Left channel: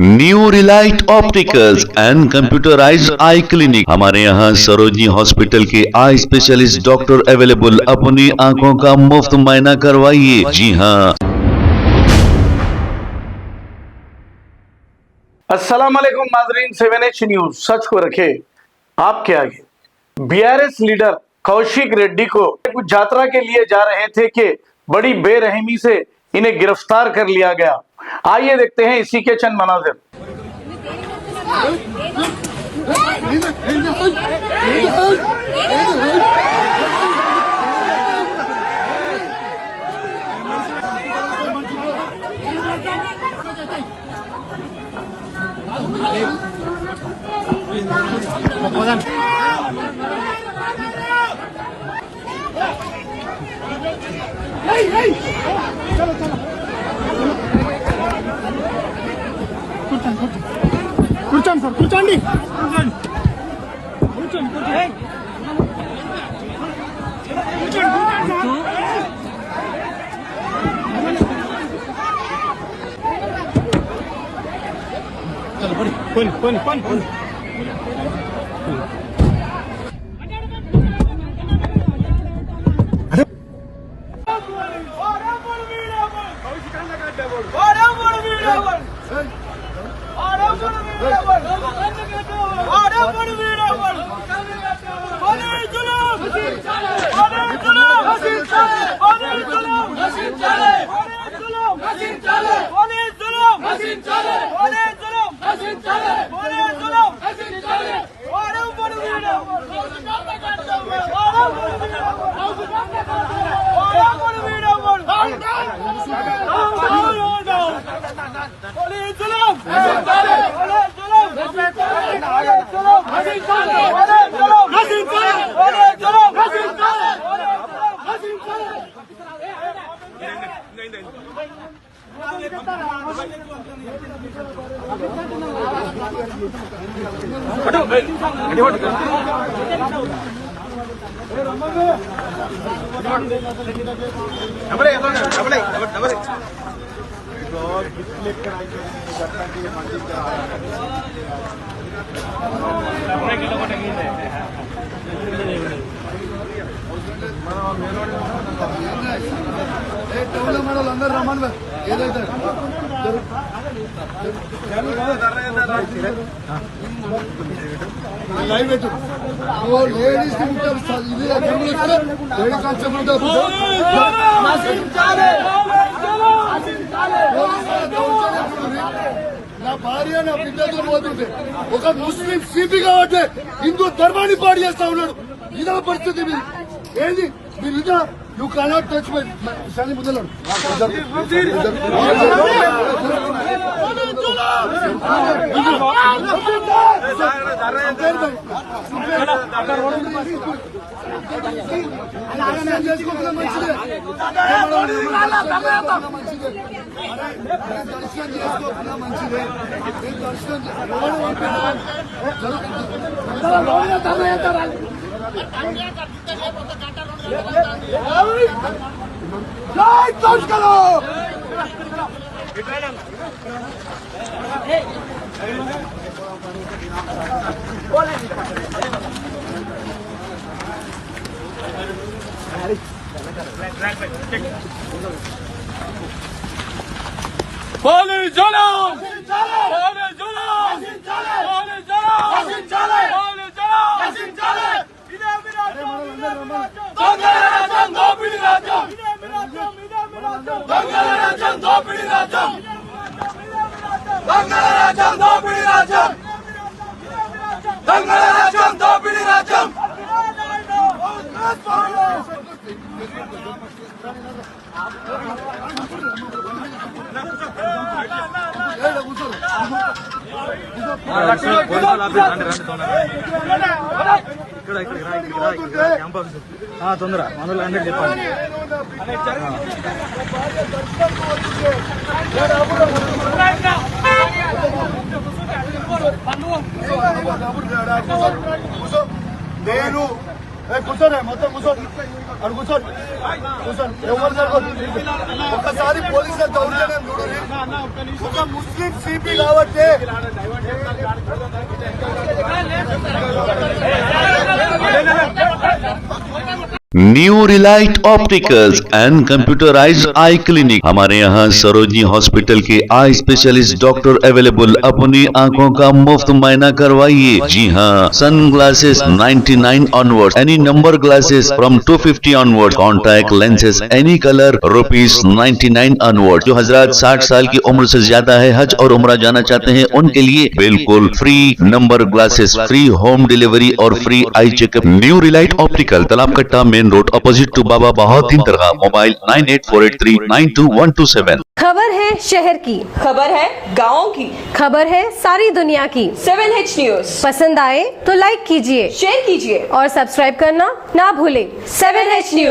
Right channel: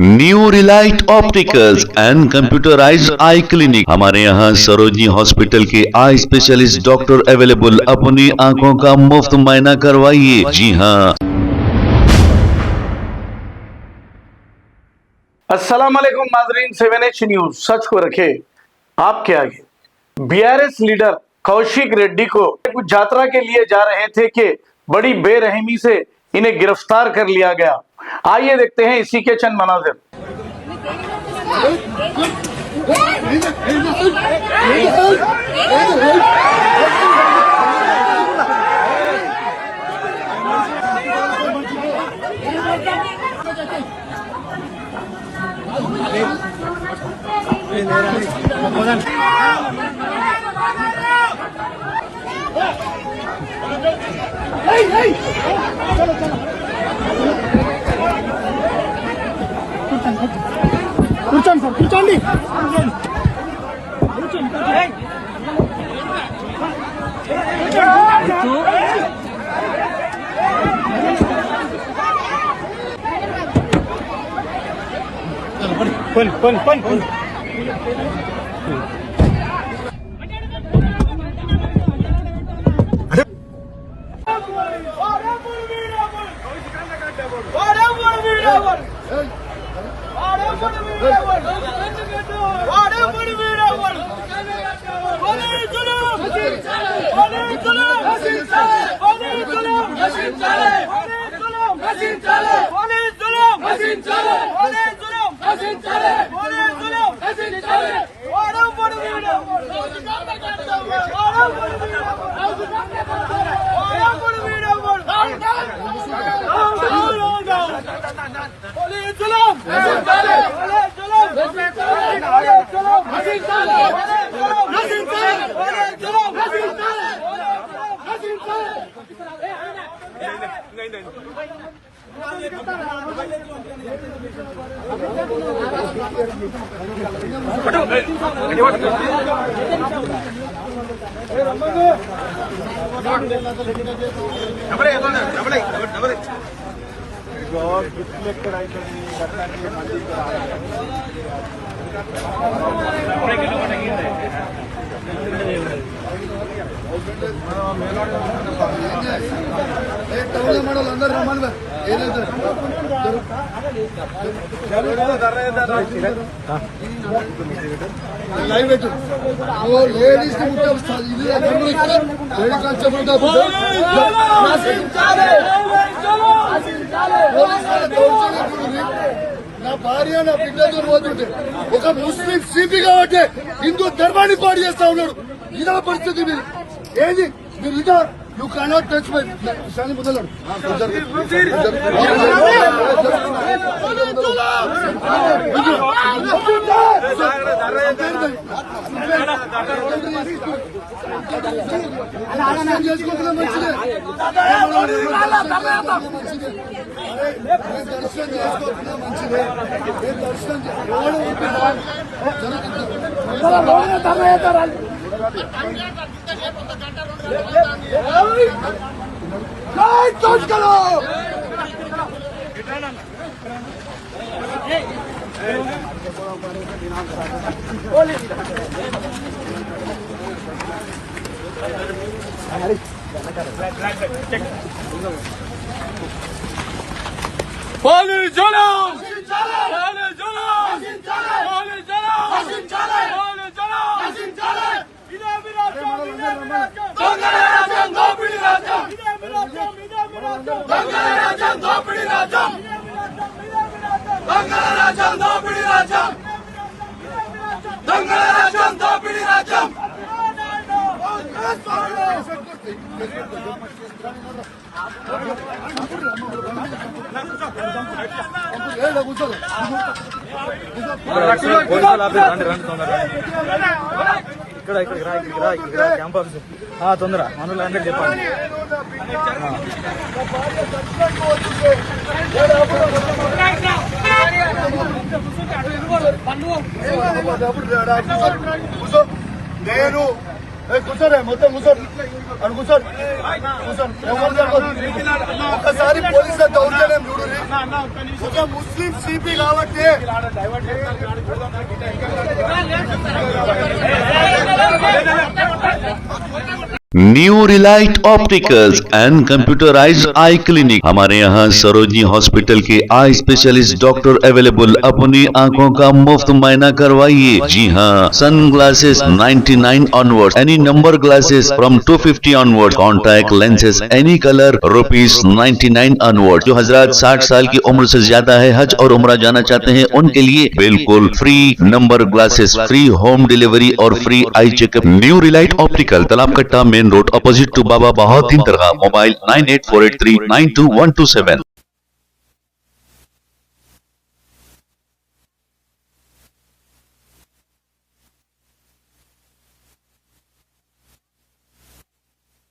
New Relight opticals and computerised I clinic. हमारे यहाँ Sarojini hospital के आई स्पेशलिस्ट डॉक्टर अवेलेबल। अपनी आंखों का मुफ्त मुआयना करवाइए। जी हाँ। अस्सलाम वालेकुम नाजरीन, 7H न्यूज सच को रखे आपके आगे। बीआरएस लीडर कौशिक रेड्डी को कुछ यात्रा के लिए जा रहे थे कि बड़ी बेरहमी से इन्हें गिरफ्तार कर लिया गया। आइए देखते हैं इसी के चंद मनाजिर। కూర్చోండి సార్, కూర్చోండి. పోనీ అందరూ రమ్మని నా భార్య నా బిడ్డతో పోతుంటే ఒక ముస్లిం సిపి కాబట్టి హిందూ ధర్మాన్ని పాడు చేస్తా ఉన్నాడు. ఇదే పరిస్థితి మీది. ఏది మీరు ఇదా యూ కెనాట్ టచ్ మై సని బుద్ధలాడు. చేసుకోకుండా మంచిదే, దర్శనం చేసుకోకుండా మంచిదే. దర్శనం ఇక్కడికి రా క్యాంప్ ఆఫీస్ తొందర మనలో అందరికి చెప్పండి. నేను కూర్చోరే మొత్తం కూర్చోండి అని కూర్చోండి కూర్చోండి ఎవరు జరగదు ఒకసారి పోలీసుల దౌర్జన్యం చూడండి ఒక ముస్లిం సిపి కాబట్టి new Relight opticals and computerised I clinic. हमारे यहाँ सरोजनी हॉस्पिटल के आई स्पेशलिस्ट डॉक्टर अवेलेबल। अपनी आंखों का मुफ्त मायना करवाइए। जी हाँ, sunglasses 99 onward, any number glasses from 250 onward, contact lenses any colour ₹99 onward. जो हजरात 60 साल की उम्र से ज्यादा है, हज और उम्रा जाना चाहते हैं, उनके लिए बिल्कुल free number glasses, free home delivery और free eye checkup. New relight optical, Talab Katta, main road, opposite to Baba Bahauddin दरगाह। मोबाइल 9848392127। खबर है शहर की, खबर है गाँव की, खबर है सारी दुनिया की। 7H न्यूज पसंद आए तो लाइक कीजिए, शेयर कीजिए और सब्सक्राइब करना ना भूलें। 7H news.